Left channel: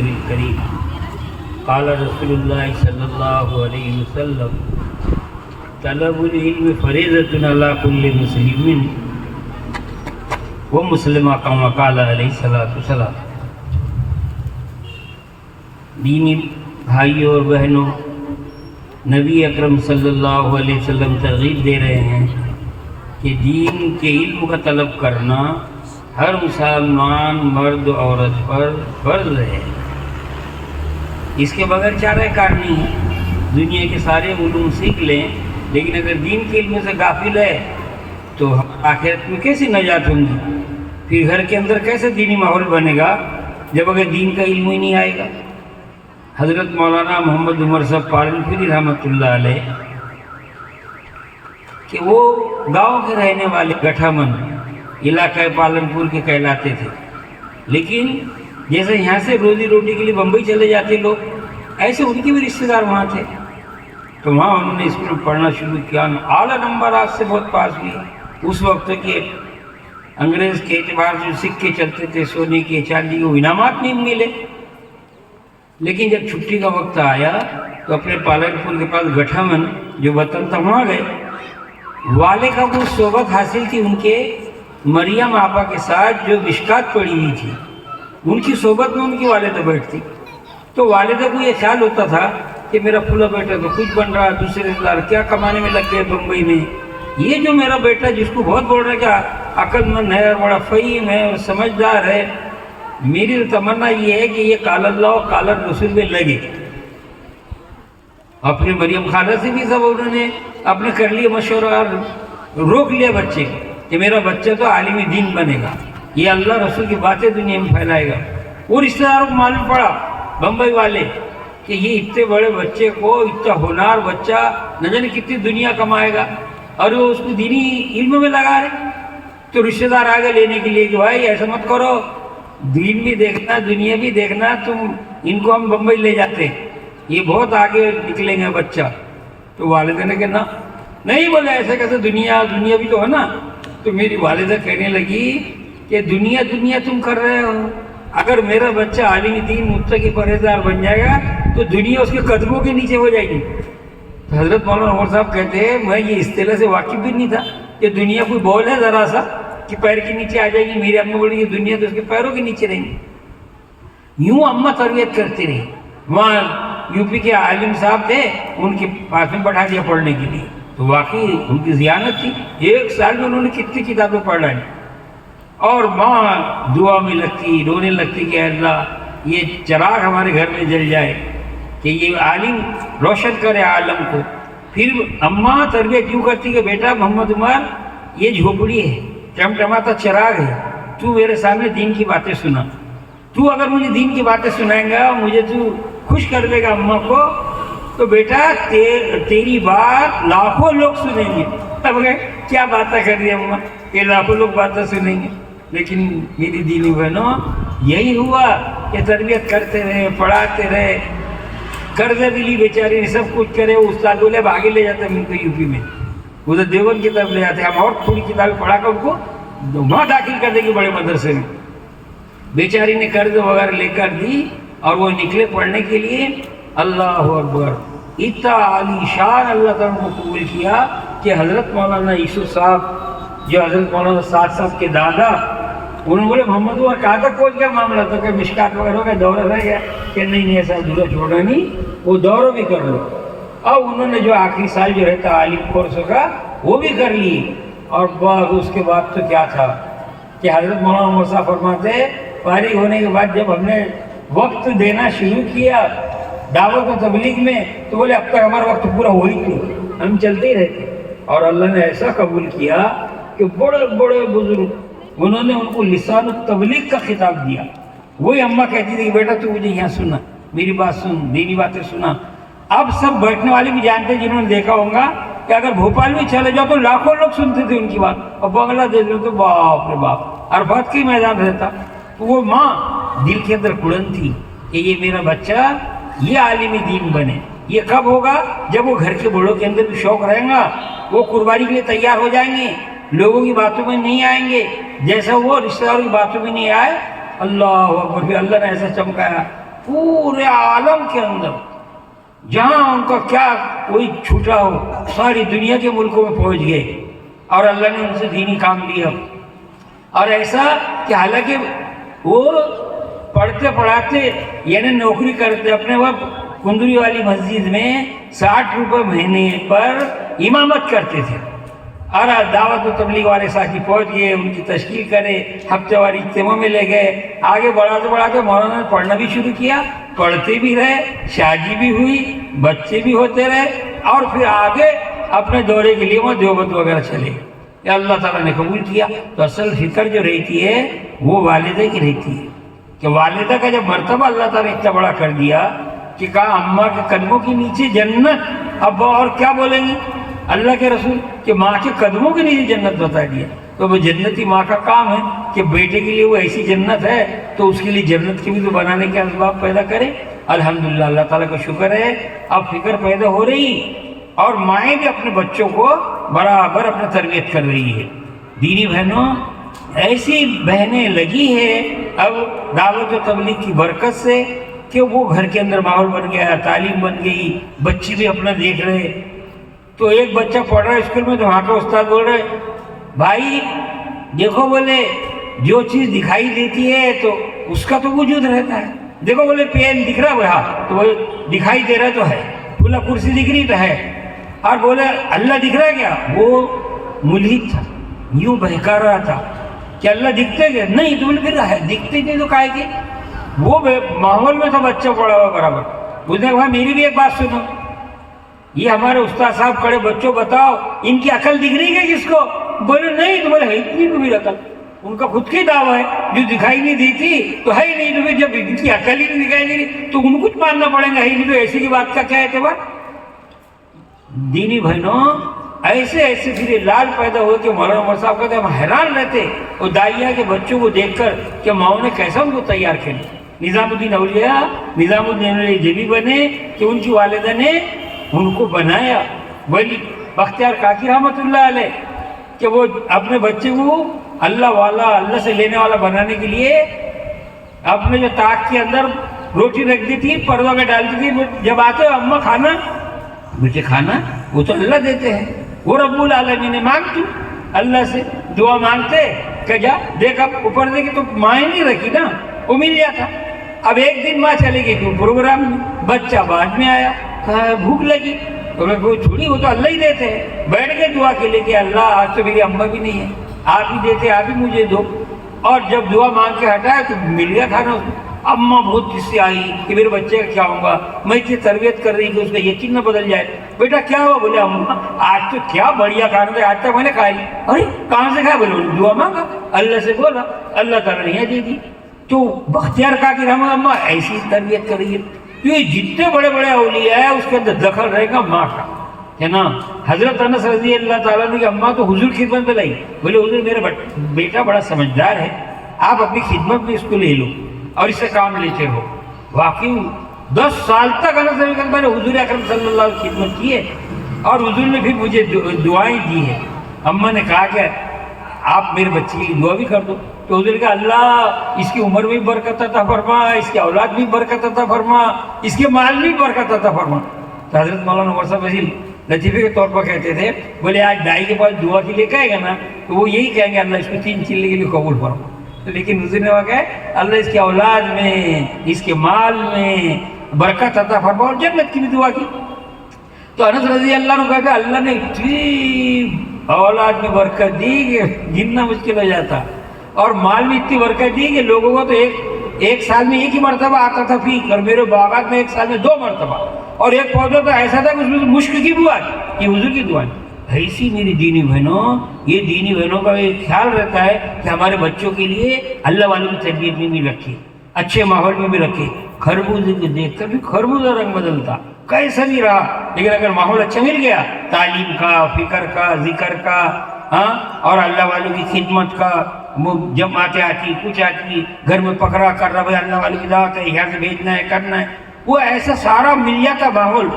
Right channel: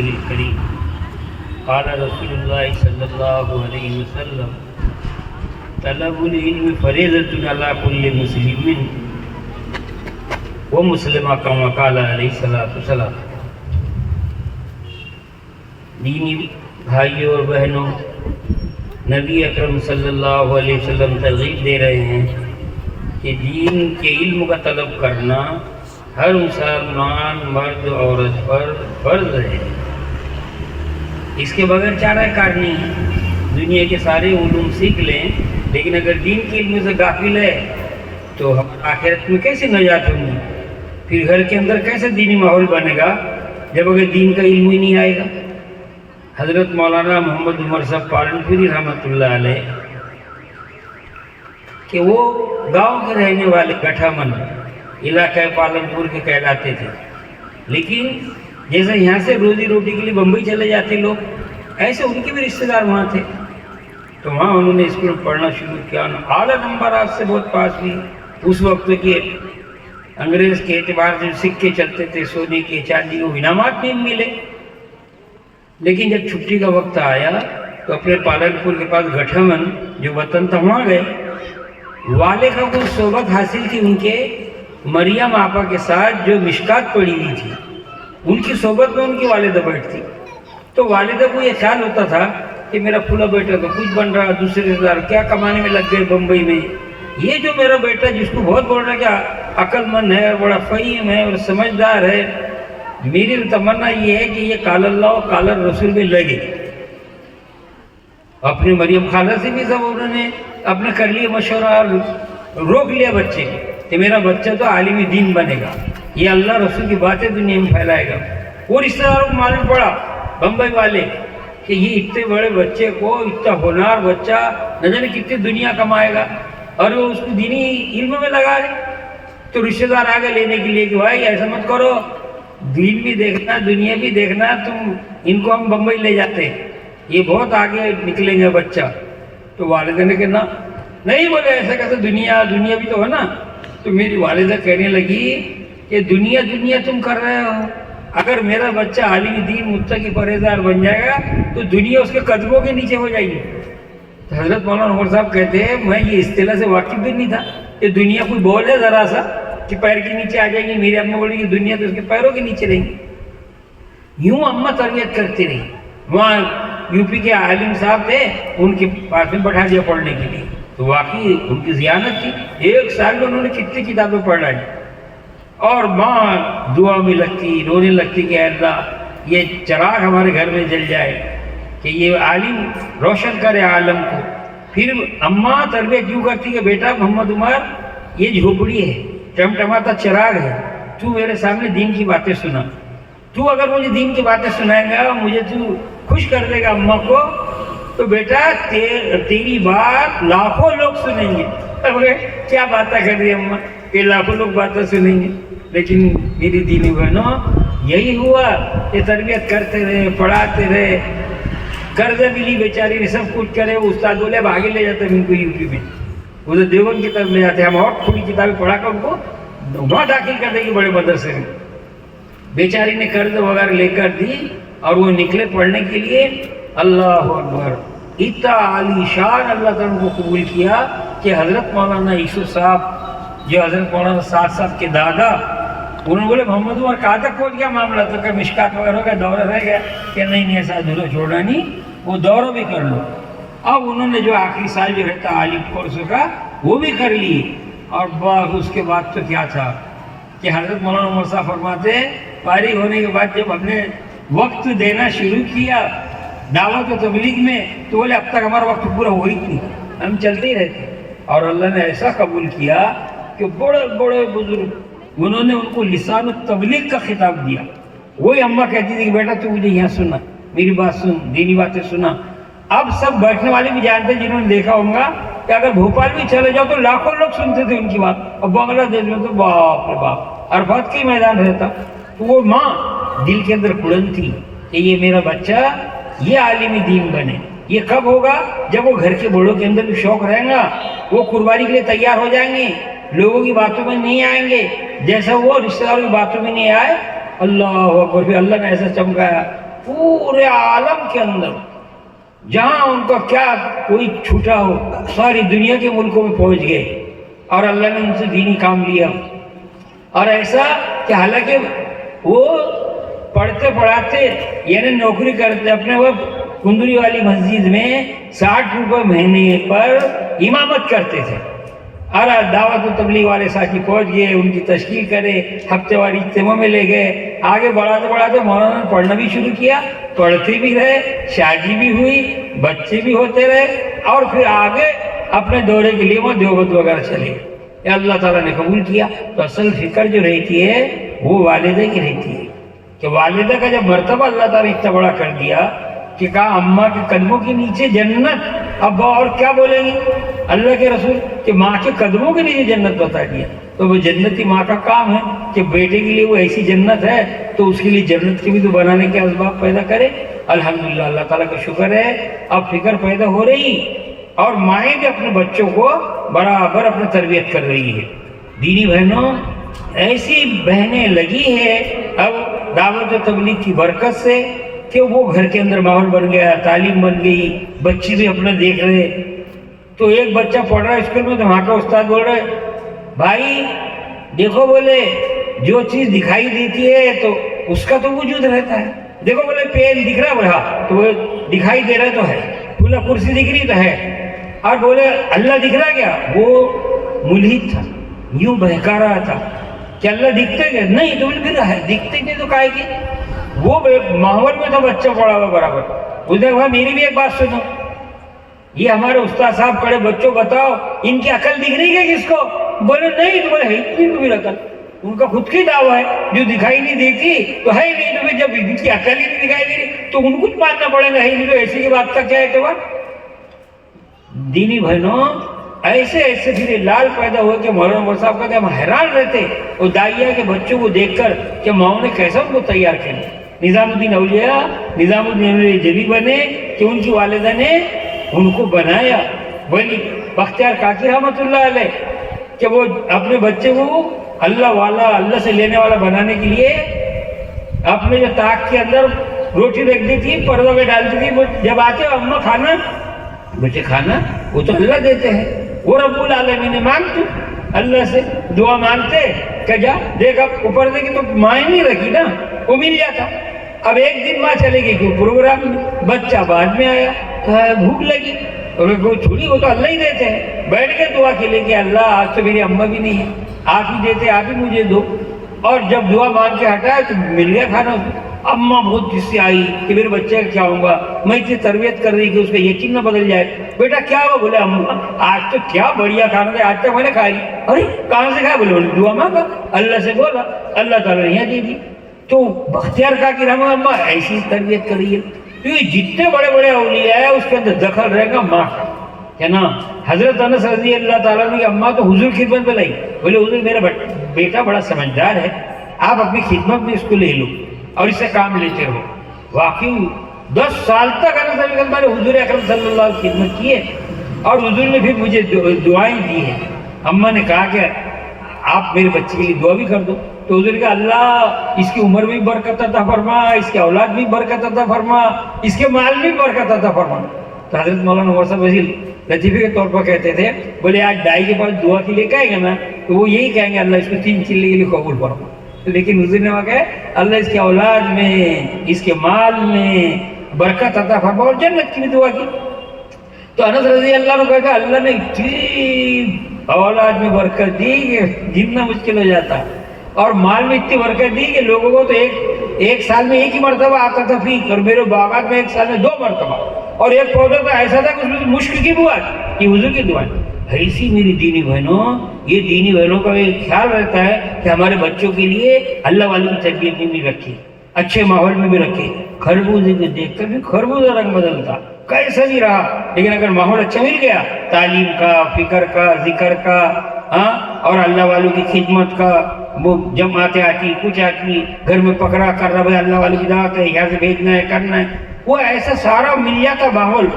رسول الكريم قال رسول الله صلى الله عليه وسلم طلب العلم فریضۃ علی کل مسلم ومسلمہ کما قال علیہ الصلوۃ والسلام۔ دینی بھائیوں اور بہنوں، نبی اکرم صلی اللہ علیہ وسلم ترغیب دے رہے ہیں کہ دین کے علم کا طلب کرنا ہر مسلمان مرد عورت پر فرض ہے۔ اس کے بغیر چارہ کار نہیں ہے۔ دنیا کے سارے علوم سیکھ لیں، لیکن اگر دین کے علم سے غافل ہے تو آخرت میں کیسے نجات ہوں گی؟ پھر گھر کے اندر کیسے دینی ماحول بنے گا جب اگر دین کا علم ہی نہیں آئے گا؟ حضرت مولانا محمد عمر صاحب پالنپوری رحمۃ اللہ علیہ کہ وہ گاؤں کے رہنے والے گٹھا من علاقہ پالنپور کے کہلاتے تھے، لیکن جیسے یہاں سے روزی روٹی کے لیے بمبئی چلے جاتے لوگ، ایسے ان کے بھی رشتہ دار وہاں تھے، تو وہاں انہوں نے اسکول میں پڑھنا شروع کیا، اعلیٰ نمبرات سے بہت پاس بھی۔ اس وقت کے انگریز کے اعتبار سے سکے چلتے تھے، سونے کے چاندی کے انعامات نہیں ملے، لیکن جب چھٹی کا وقت آیا تو اپنے پالنپور کے پاس گٹھا من جو وطن تھا وہاں گئے۔ والے کا کوئی صحبت حاصل تھی ان کے مریم آپا کے ساتھ جو مشکات پڑی ہوئی تھی، ان کی صحبت میں ان کی والدہ بیٹھتی، تو والدہ کو یہ خیال ہوتا تھا کہ میرا پھولا بیٹا تو کچھ بن رہا، دوسرے رشتہ دار کیا کمانے میں لگ گئے بمبئی میں، یہ جو میرا بیٹا جس کو بہت بول رہا ہے کہ عقل مند ہے، بڑا فہیم ہے اور سمجھدار ہے، میری تمنا یہ ہے کہ یہ قال اللہ و قال الرسول میں لگے۔ اپنے مریم خالہ سے بھی سب انہوں نے اپنے کر لیے مشورہ، روک لیا بچے کہ میرا بچہ تو عالم دین بنے گا، یہ اللہ رسول کی باتیں دنیا میں پھیلائے گا۔ وہ رشتہ داروں کو معلوم پڑا بمبئی والے کہ یہ اتنے بڑے بچے کو، اتنا ہونہار بچہ نہ جانے کتنی دنیا کمائے گا، اور وہ اس کو دینی علم میں لگا رہے، تو رشتہ دار آگے لینے کے لیے کہ بھائی ایسا مت کرو، دین بھی دیکھنا دنیا بھی دیکھنا، تم ان کو ہم بمبئی لے جاتے ہیں، یہ بہت آگے نکلیں گے بچہ۔ تو والدہ نے کہنا نہیں، بولے ایسا کیسے، دنیا بھی تو ہے نا۔ تو میری والدہ کہنے لگی کہ دنیا تم کر رہے ہو، اگر میرا بچہ عالم دین متقی پرہیزگار بن جائے گا تو دنیا اس کے قدموں کے نیچے ہو جائے گی۔ تو حضرت مولانا عمر صاحب کہتے ہیں میں یہ اصطلاح سے واقف بھی نہیں تھا کہ دنیا کوئی بول ہے ذرا سا کہ پیر کے نیچے آ جائے گی، میری اماں بولی کہ دنیا تو اس کے پیروں کے نیچے رہے گی۔ یوں اماں تربیت کرتی رہی۔ وہاں یو پی کے عالم صاحب تھے، ان کے پاس میں بٹھا دیا پڑھنے کے لیے، تو واقعی ان کی ذہانت تھی، ایک سال میں انہوں نے کتنی کتابیں پڑھ ڈالی، اور ماں دعا میں لگتی، رونے لگتی کہ اے اللہ یہ چراغ ہمارے گھر میں جل جائے کہ یہ عالم روشن کرے عالم کو۔ پھر اماں تربیت یوں کرتی کہ بیٹا محمد عمر یہ جھوپڑی ہے، ٹمٹماتا چراغ ہے، تو میرے سامنے دین کی باتیں سنا، تو اگر مجھے دین کی باتیں سنائیں گا، مجھے تو خوش کر دے گا اماں کو، تو بیٹا تیری بات لاکھوں لوگ سنیں گے۔ اب کیا باتیں کر رہی ہے اماں کہ لاکھوں لوگ باتیں سنیں گے، لیکن میری دینی بہنوں یہی ہوا کہ تربیت کرتے رہے، پڑھاتے رہے، قرضہ بھی لی بیچاری نے، سب کچھ کرے، وہ استاد بولے اب آگے لے جاتے ہیں ان کو یو پی میں، ادھر دیوبند کی طرف لے جاتے ہیں، ہم اور تھوڑی کتابیں پڑھا کر ان کو وہاں داخل کر دیں گے بڑے مدرسے میں۔ بیچاری نے قرض وغیرہ لے کر دی اور وہ نکلے پڑھنے کے لیے۔ اللہ اکبر، اتنا عالی شان اللہ تعالیٰ کو قبول کیا کہ حضرت مولانا یوسف صاحب جو حضرت مولانا سعد صاحب کے دادا، انہوں نے بولے محمد عمر کہاں تک پہنچ گیا معاملہ، تو کہ مشکات وغیرہ ہو گیا، دورہ رہ گیا، کہ نہیں ایسا ادھورا چھوڑنا نہیں، وہ دورہ بھی کر لو۔ اب انہوں نے جو آخری سال جو رہتا عالم کورس کا وہ بھی کر لی، اور بس اس کے بعد تو کیا تھا کہ حضرت مولانا عمر صاحب فرماتے فارغ ہونے کے بعد جب ہم نے وقت دینا شروع کیا دعوت و تبلیغ میں، تو بولے اب تک ہمارا وقت پورا ہو ہی نہیں، ہم چلتے ہی رہتے، اور اللہ نے ایسا قبول کیا کہ بڑے بڑے بزرگ انہوں نے ان کو لسان التبلیغ کا خطاب دیا۔ وہی اماں کہتی تھی کہ بیٹا تو مجھے یہاں سنا، میری بات سن، دینی باتیں سنا۔ اب سب بیٹھنے والے بھی جانتے ہیں جنہوں نے دیکھا ہوگا کہ اگر بھوپال میں چلے جاؤ تو لاکھوں لوگ سنتے تھے ان کی بات، اور بنگلہ دیش میں تو باپ رے باپ عرفات کی میدان رہتا۔ تو وہ ماں دل کے اندر کڑن تھی کہ یہ میرا بچہ یہ عالم دین بنے۔ یہ کب ہوگا؟ جب وہ گھر کے بڑوں کے اندر بھی شوق رہے گا، وہ قربانی کے لیے تیار ہو جائیں گے، لوگوں کی باتوں میں نہیں آئیں گے، جیسا وہ رشتہ داروں کی باتوں میں نہیں آئے۔ اللہ اکبر، پھر اللہ نے ایسا چمکایا پورے عالم کے اندر جہاں ان کا کیا کوئی چھوٹا ہو ساری دنیا کے ملکوں میں پہنچ گئے اور اللہ نے ان سے دینی کام لیا. اور ایسا کہ حالانکہ وہ پڑھتے پڑھاتے یعنی نوکری کرتے اپنے وقت کندری والی مسجد میں 60 روپے مہینے پر امامت کرتے تھے. اور دعوت و تبلیغ والے ساتھی پہنچ گئے, ان کی تشکیل کرے, ہفتے واری اجتماع میں لے گئے. آگے بڑھاتے بڑھاتے مولانا نے پڑھنا بھی شروع کیا, پڑھتے بھی رہے, شادی بھی ہوئی, بچے بھی ہوتے رہے, اور پھر آگے اپنے دورے کے لیے وہ دیوبند وغیرہ چلے گئے. اللہ تعالیٰ نے قبول کیا. تو اصل فکر جو رہتی ہے وہ والدہ کی رہتی ہے کہ والدہ کا جب مرتبہ اللہ تعالیٰ اتنا بڑا کر دیا کہ کہا اماں کے قدموں کے نیچے جنت, اب اور کیا بولیں گے اللہ کے رسول کہ ماں کے قدموں کے نیچے جنت بتا دیا. تو وہ جنتی ماں کا کام ہے کہ بیٹے کے لیے وہ ایسی جنت ہے تو اس کے لیے جنت کی بھی تو بنانے کے اسباب پیدا کرے. الحمدللہ اللہ تعالیٰ کا شکر ہے اب فکر پیدا ہو رہی اور مائیں بھی اپنے بچوں کو برابر اپنے تربیت کر رہی ہے. دینی بہنوں ایسی بہنیں لگی ہے اب دعوت و تبلیغ کی برکت سے کہ وہ گھر کے اندر ماحول بن گیا, تعلیم بن گئی, بچے بھی اپنا دیکھ رہے. تو ایک بچہ پڑھ رہا ہے اسکول میں تو وہاں کا استاد بول رہے بھائی دیکھو بولے جو چیز دکھائی دیتی ہے تو اس کا تو وجود رہتا ہے. دیکھو بولے پین دکھ رہا ہے وہاں تو وہ دکھائی دے رہا تو ہے, کھلا کرسی دکھ رہی تو ہے. اور بولے اللہ دکھ رہا ہے کیا, وہ ملحد تھا, یوں بہکا رہا تھا کہ اللہ دکھتے گئے نہیں تو بولے پھر ہے دکھتے نہیں تو کائے کی. وہ ماحول میں تو بچہ پڑا ہوا برابر. اس نے کہا میری بھی ایک بات سنو, یہ ہمارے استاد صاحب کھڑے بچوں بتاؤ ان کی عقل دکھ رہی ہے کس کو, بولے نہیں تو بولے ہے اتنی کو بھی عقل, ان کا خود کی دعویٰ ہے جو دکھائی نہیں دیتی تو ہے ہی نہیں. تو جب ان کی عقل ہی نہیں دکھائی دے رہی تو ان کو ماننا پڑے گا ہی نہیں, تو ایسی کی بات کا کیا اعتبار. دینی بہنوں ایسے ایسے پھر لال پیدا ہو کے مولانا عمر صاحب کہتے ہیں ہم حیران رہتے اور داعیہ کے بچوں کو دیکھ کر کہ ماؤں نے کیسا ان کو تیار کیا. نظام الدین اولیاء نظام الدین جبی بنے کہ ان کی والدہ نے ان کو بنایا. ولی بختیار کاکی رحمۃ اللہ علیہ کہ وہ اپنے بچے کو اللہ والا اللہ سے لینے والا بنانے کے لیے اپنے جو طاق کے اندر روٹی رکھ دی تھی, پروا میں ڈالتی تھی. جب آتے اماں کھانا, بچے کھانا, وہ تو اللہ دیتے ہیں, وہ رب العالمین نے مانگتے اللہ سے دعا مانگتے کہ جا دیکھ اب اوپر دیکھے تو مائیں نہیں رکھی نا, وہ مل جاتا. اب ایک دن ماں چلے گئی کوئی پروگرام میں, بچہ بعد میں آیا, کہا بھوک لگی, تو کوئی چھوڑی وہ تو اللہ ہی دیتے ہیں. بیٹھ کے دعا کے لے کہ اللہ آج تو میری اماں بھی نہیں ہے, آپ ہی دیتے آپ ہی مجھے دو. اور جب دعا مانگ کے ہٹایا تو مل گیا کھانا. اماں بہت غصے آئی کہ میرے بچے کا کیا ہوگا, میں اتنی تربیت کر رہی کہ اس کا یقین نہ بدل جائے. بیٹا کیا ہوا, بولے اماں آج تو کیا بڑھیا کھانا تھا, آج تک میں نے کھائی. ارے کہاں سے کھایا, بولے دعا مانگا اللہ سے, بولا اللہ تعالیٰ نے یہ دے دی. تو بختیار کاکی رحمۃ اماں ایسی تربیت کر رہی ہے. تو یہ جتنے بڑے بڑے اولیاء ہیں اس کے اندر دخل رہے گا ماں کا ہے نا. حضرت انس رضی اللہ تعالیٰ نے اماں تو حضور خدمت میں لائی, بولے حضور میرا بیٹا بڑا سمجھدار ہے, آپ اپنی خدمت میں اس کو لے لو اور اس سے کام لیتے ہو. واقعی 10 سال تک انس رضی اللہ میں نے حضور اکرم صلی اللہ علیہ وسلم خدمت کی ہے اور حضور نے پھر مجھے دعائیں دی ہیں. اماں نے کہا کہ آپ میرے بچے کے لیے دعا بھی کر دو. تو حضور کہا اللہ اس کی عمر میں بھی برکت عطا فرما, اس کی اولاد بھی برکت عطا فرما, اس کے مال بھی برکت عطا فرما. تو حضرت مولانا عمر صاحب وزیر لطیفے کے طور پر کہتے تھے, بولے آج دائی کے پاس دعا کے لیے کہے گا نا تو وہ یہی کہیں گے اللہ اس کو 3 چیلے کے لیے قبول فرما. تو لیکن حضور نے کہا اللہ اس کے اولاد میں اس کے مال میں برکت عطا فرما اور جنت کی بھی دعا کی. تو انس رضی اللہ عنہ کہا اللہ نے اتنی اولاد میں برکت دی کہ گننا مشکل ہو جاتا, اور مال میں اتنی برکت دی کہ لوگوں کو تو ایک سال میں ایک ہی مرتبہ آتا تھا فیق, اور میرے باغات میں ایک سال میں 2 مرتبہ, اور ایک پودا تو ایسا تھا کہ اس میں مشک کی دعا تھی, یہ حضور کی دعا. ایسی میری دینی بہنوں, یہ دینی بہنوں کا ایک خیال رہتا ہے کہ ہمارے بچوں کے لیے اللہ والوں کی تربیت بھی نہیں رکھی, اچھے ماحول میں بھی رکھے. خربوزے کو دیکھ کر بھی خربوزہ رنگ بدلتا کیسا بھی رہا, لیکن اگر ماحول اچھا مل گیا تعلیم کا, فکر کا, ذکر کا, ہاں اور اللہ والوں کی خدمت کا, وہ جماعتیں آتی, کچھ آتی, گھر میں پکڑا کر رہا بھائی اللہ والوں کی دعوت ہے, یہاں سے بھیجنا ہے, کرنا ہے, وہ ایسا سارا مل جاتا ماحول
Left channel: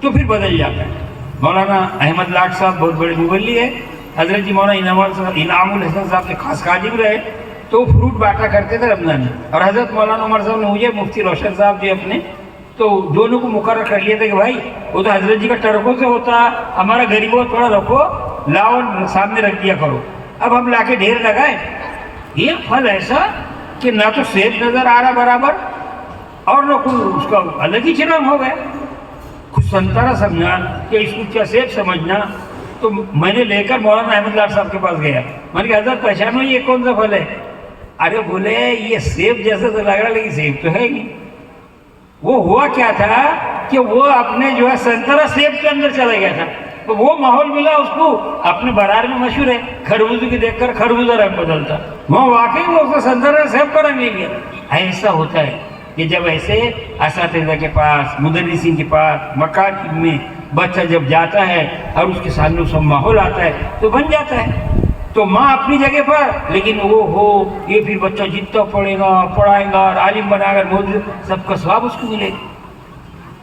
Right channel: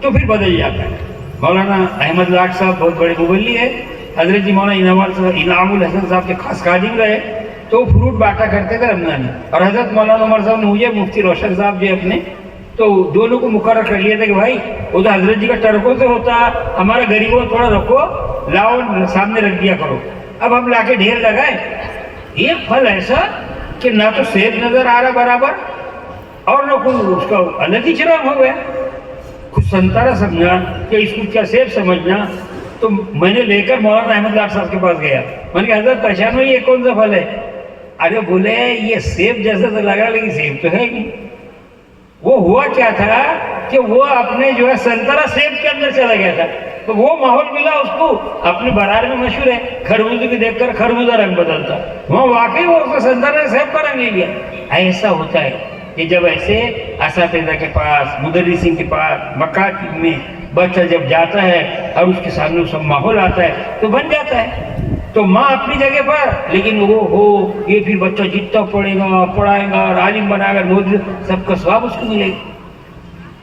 تو پھر بدل جاتا ہے. مولانا احمد لاٹ صاحب بہت بڑے مبلی ہے, حضرت مولانا انعام الحسن صاحب کے خاص خادم رہے, تو فروٹ بانٹا کرتے تھے رمضان میں. اور حضرت مولانا عمر صاحب نے مجھے مفتی روشن صاحب جی اپنے تو دونوں کو مقرر کر لیا تھا کہ بھائی وہ تو حضرت جی کا ٹرکوں سے ہوتا، ہمارا غریبوں تھوڑا رکھو، لاؤ سامنے رکھ دیا کرو. اب ہم لا کے ڈھیر لگائے. ایک پھل ایسا کہ نہ تو سیب نظر آ رہا برابر اور نہ کوئی اس کا الگ ہی چنام ہو گیا. کچھ سنترا سمجھنا کہ اس کو کیا سیب سمجھنا. تو میں نے لے کر مولانا احمد لاڈ صاحب کے پاس گیا. میں نے کہا حضرت پہچانو یہ کون سا پھل ہے؟ ارے بولے یہ سیب جیسا تو لگ رہا لیکن سیب تو ہے ہی. وہ ہوا کیا تھا کہ وہ اپنے جو ہے سنترا سیب کے اندر چلا گیا تھا. تو وہ ماحول ملا اس کو. اپنے بازار میں مشہور ہے خربوزے کی دیکھ کر خربوزہ رنگ بدلتا، وہاں واقعی وہ سنترا سیب کا رنگ لے گیا. ایسا ہوتا ہے کہ جب ایسے اساتذہ کے پاس، مدرسین کے پاس، مکاتب میں بچہ جب جاتا ہے اور اس کے سامنے سب ماحول آتا ہے تو بن جاتا ہے. تو ماں اپنی جگہ پر، لیکن وہ ہو یہ پھر بچہ جتنا پڑھے گا، پڑھائے گا، عالم بنا کر موجود سب کا ثواب اس کو ملے گا.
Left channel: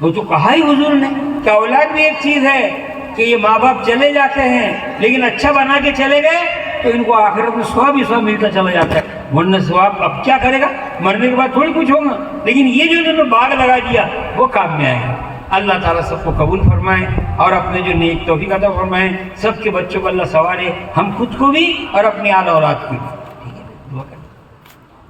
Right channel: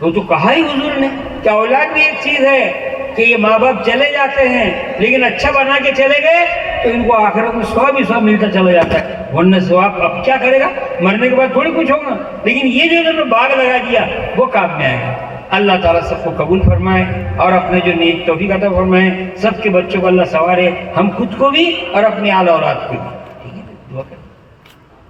وہ تو کہا ہی حضور نے کہ اولاد بھی ایک چیز ہے کہ یہ ماں باپ چلے جاتے ہیں لیکن اچھا بنا کے چلے گئے تو ان کو آخرت میں ثواب ہی ثواب ملتا چلا جاتا ہے. ورنہ ثواب اب کیا کرے گا، مرنے کے بعد تھوڑی کچھ ہوگا. لیکن یہ جو انہوں نے باغ لگا دیا وہ کام میں آئے گا. اللہ تعالیٰ سب کو قبول فرمائے اور اپنے جو نیک توفیق عطا فرمائے. سب کے بچوں کو اللہ سنوارے، ہم خود کو بھی اور اپنے آل اولاد کو بھی.